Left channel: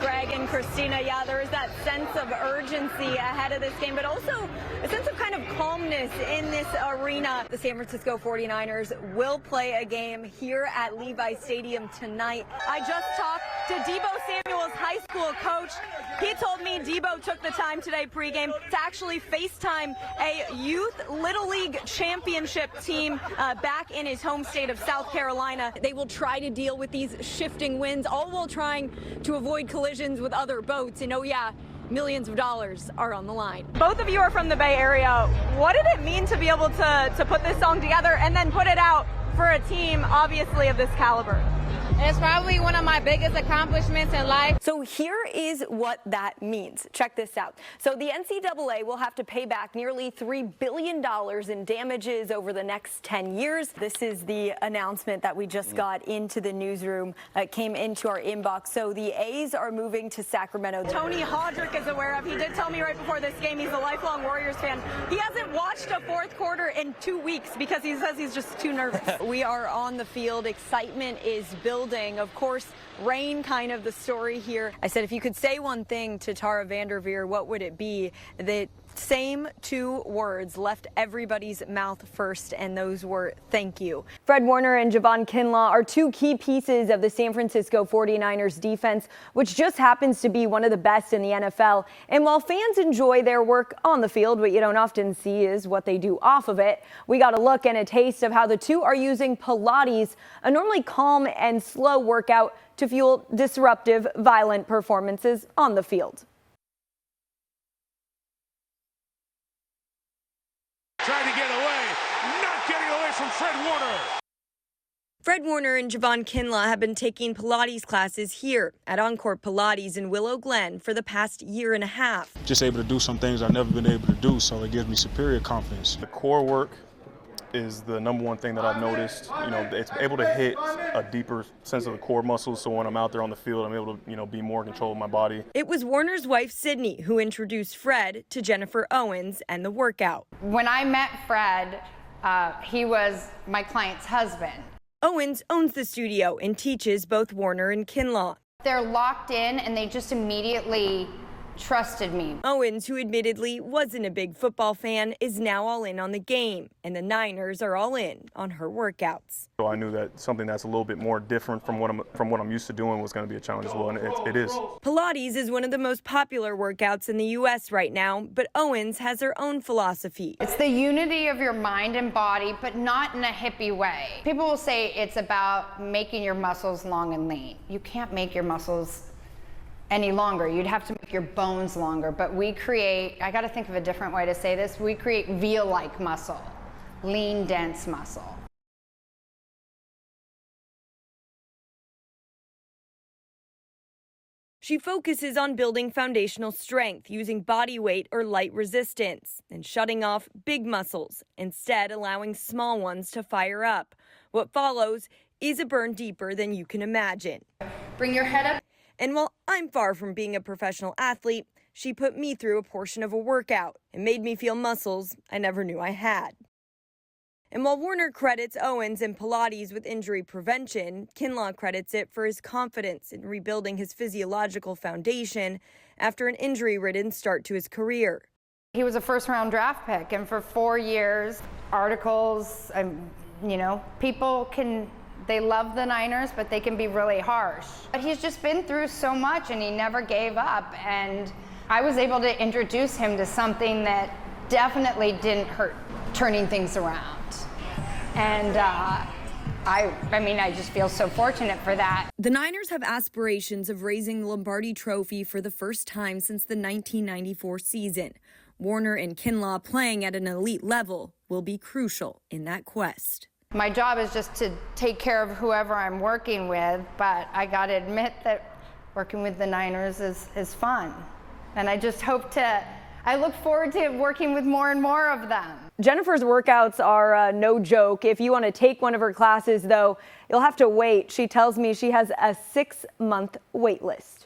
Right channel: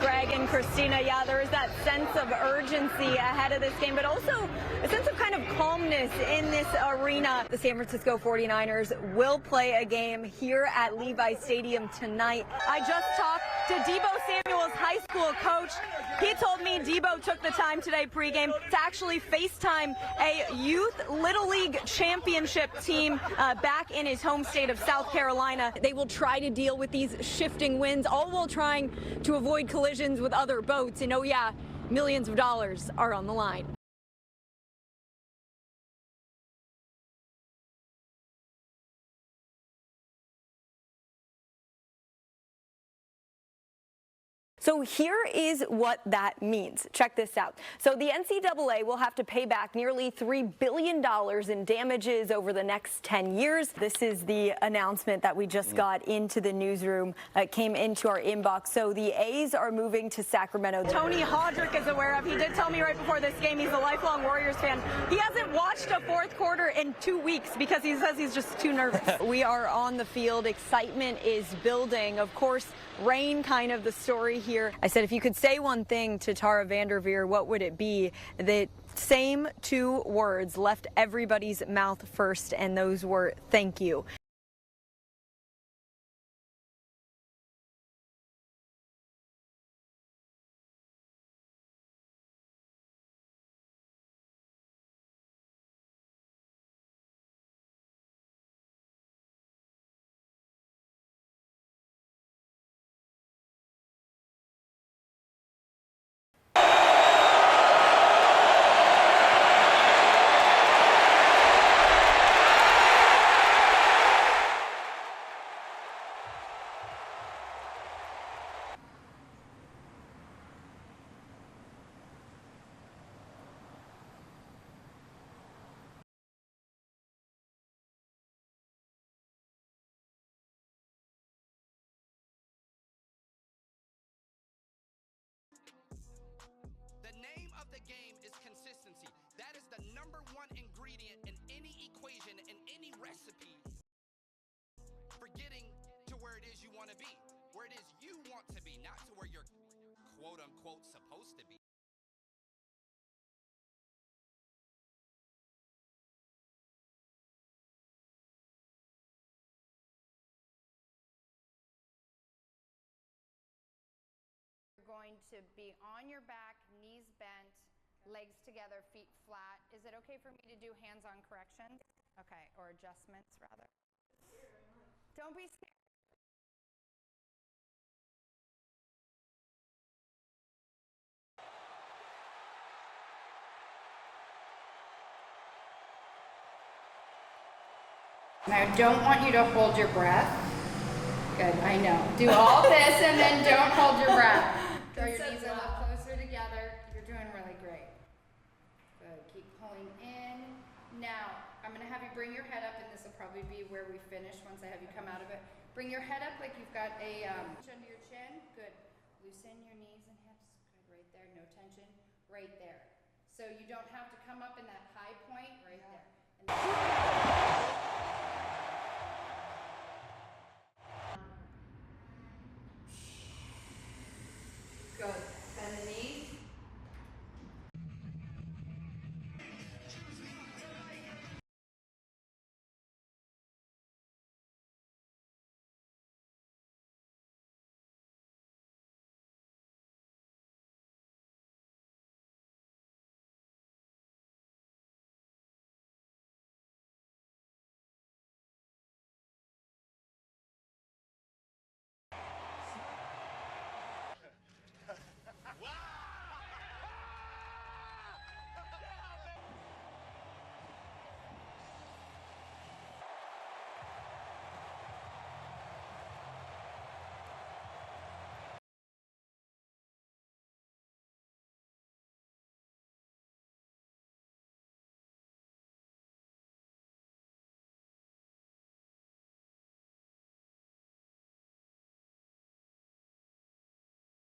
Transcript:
Greg and Christina. Yeah, there is that sense of urgency ahead of this game, but also a sense of kind of calmness in this arena. The San Francisco 49ers will play a game here at Levi Stadium tonight. I just talked to Debo Samuel's high school coach. He told me Debo took the time today pregame to actually FaceTime a youth Little League championship team back in his home state of South Carolina. They will try to deal with these shifting winds, all while trying to avoid collisions with other boats. And oh yeah, millions of dollars are on the line. Both of you are from the Bay Area. What did it mean to be able to put this song together and then put it out for a team obviously of this caliber? It's probably one of my biggest accomplishments in life. So here is what that means. Check this out. So the NCAA will have to pay back nearly $3 billion in damages over the next 10 years. This is the announcement that we just got into the newsroom. It came into our inbox. So the A's are moving to Sacramento. Tony Hodrick is aware of. He did tell me right before this game he's a lifelong Warriors fan. He hasn't watched a fourth quarter in 2 weeks because he says he's just too nervous. We are on the field. Excitement is building. Of course, rain kind of the story here. I said, if you could say one thing to Tara Vanderveer, what would it be? The same two words left everybody's mouth first, and those were thank you. Fred Warner and Javon Kinlaw are two key pieces of the San Francisco 49ers defense, which just happens to be one of the best in the NFL. And while fans enjoy their work on the field, what you don't often see is what they do off of it. We got a look and a taste of how the two are using Pilates, a normally calm and slow workout, to fuel disruptive, violent performances on the field. Fred Warner and Javon Kinlaw have been taking Pilates classes here at Encore Pilates in Willow Glen for the past year and a half. Just able to do some things I've never been able to do, so it gives me superior confidence. The core work is the number one thing that I've noticed. You know, it's able to hit a deeper sense of the core muscles, so when I'm out there on the field, I'm able to, you know, be more in control of my body. It was Warner's wife, Sydney, who introduced Fred to Jennifer Owens and the workout. When I met Fred, he was my client's husband. Owens owns the studio and teaches both Warner and Kinlaw. They're locked in and they just immediately trusted me. Owens, who admittedly wasn't a big football fan, is now all in on the game, and the Niners are all in on her workouts. So I knew that something that's a little bit more different from what I'm used to doing was going to be a challenge as well, and it is. Pilates is one of the most popular workouts in the U.S. right now, but Owens has her own philosophy. It's the unity of your mind and body, but not in a hippie way. People will say it's about making your muscles long and lean. You can't make your muscles any longer. You'd have to make your bones longer, but we create, I got to think of a different way to say this, we create veal-like muscle, lean, dense muscle. I don't want you to hold your breath. Good, I know. Do all this and then don't hold your breath. She focuses on building foundational strength using body weight or light resistance and shutting off big muscles, instead allowing small ones to fire up. What follows is a burn deeper than you can imagine. Bring your head up. And while I'm far from being a professional athlete, she put me through a portion of a workout and made me feel muscles I never knew I had. And while Warner credits Owens and Pilates with injury prevention, Kinlaw credits it for his confidence in rebuilding his physiological foundation after an injury-ridden start to his career. He was a first-round draft pick, and for 4 years, articles, you know, they love the Niners, but they can be really harsh. But he's just been through so much, and he never gave up. And I was able to introduce him to something that definitely didn't hurt turning things around. And I mean, I just feel so fortunate for that. The Niners have aspirations of raising the Lombardi Trophy for the first time since the 1994 season. Warner and Kinlaw playing at an elite level will be crucial in that quest. My job is just to take care of whoever I'm working with, but I got to admit that working with the Niners is fun. And I just I look forward to working with more and more of them. Jennifer's workouts are no joke. If you want to take one of her classes, though, you'll have to wait. She tells me she has a 6-month wait list.